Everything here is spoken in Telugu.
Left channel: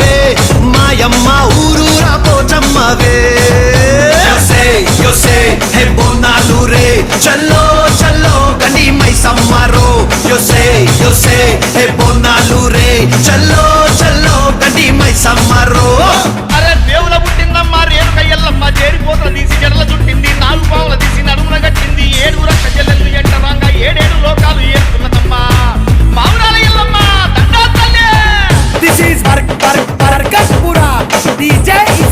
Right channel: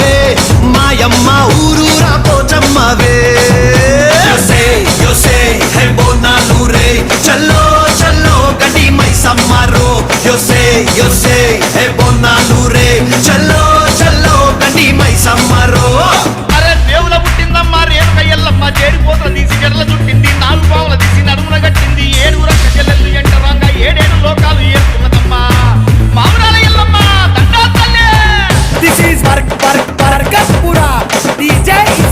తల్లివే మాయమ్మ ఊరూరా పోచమ్మవే హే బోనాలు రే చల్లో చల్లో గండి మైసమ్మరో హే బోనాలు రే చల్లో చల్లో గండి మైసమ్మరో. అరే దేవుల పుట్టిందమ్మా రేణుక ఎల్లమ్మ చేరిపోతల తీసి జడల చుట్టింది నాలుగు పావుల తీసి నడుమున కట్టింది ఏడు రక్క చెల్లెళ్ళు ఎంటరాంగా ఏడేడు లోకాలు ఏరుతున్నదమ్మా మావురాల ఎల్లమ్మ దండా తల్లే. This is Barkatpura. DJ is